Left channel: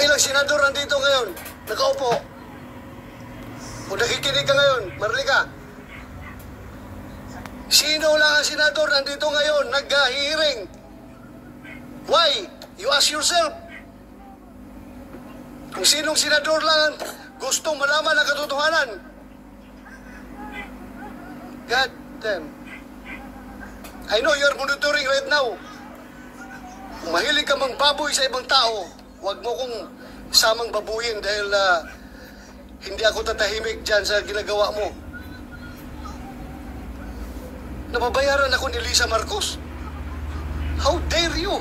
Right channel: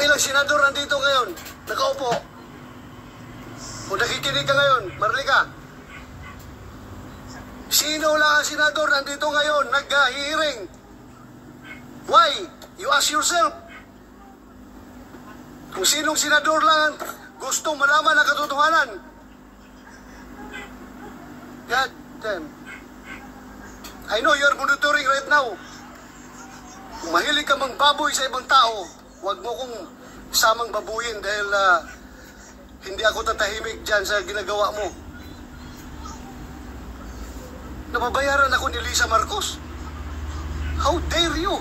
Kung ilang senador nandito ngayon, nakaupo, kung nakikinig ka ngayon, Marlica, sino lang ang senador nandito ngayon, nag-hearing? Why? You ask yourself. Kung sinong senador lang gustong malaman ang katotohanan. God damn. I know you're monitoring right now. Kung mahilig ka mang baboy sa ibang tao, huwag mo kong samang babuyin dahil hindi ako tatahimik dyan sa ginagawa mo. Nababayaran ako ni Lisa Marcos. How dare you?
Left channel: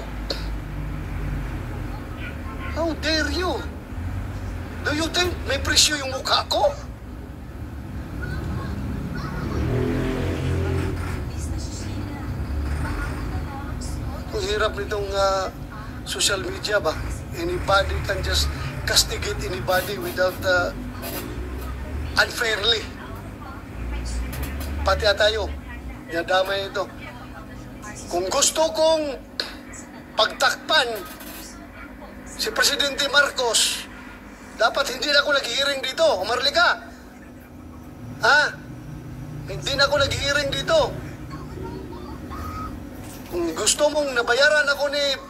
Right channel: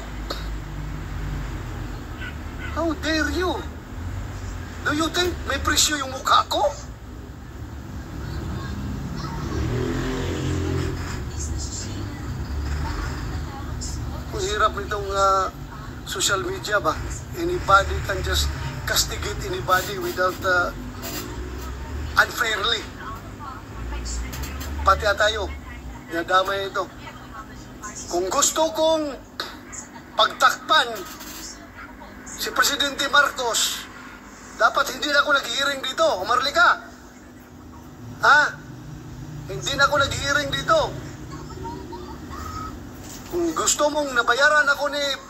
How dare you? Do you think may presyo yung mukha ko? Ang hirap nitong social media ba? Anybody can just castigate anybody without unfairly. Pati tayo, nadamay ito. Kung gusto kong pagtakpan si Presidente Marcos, dapat hindi na ako nag-hearing dito, Marlica. Ha? Hindi na ako nag-hearing dito. Kung gusto mong nabayaran ako ni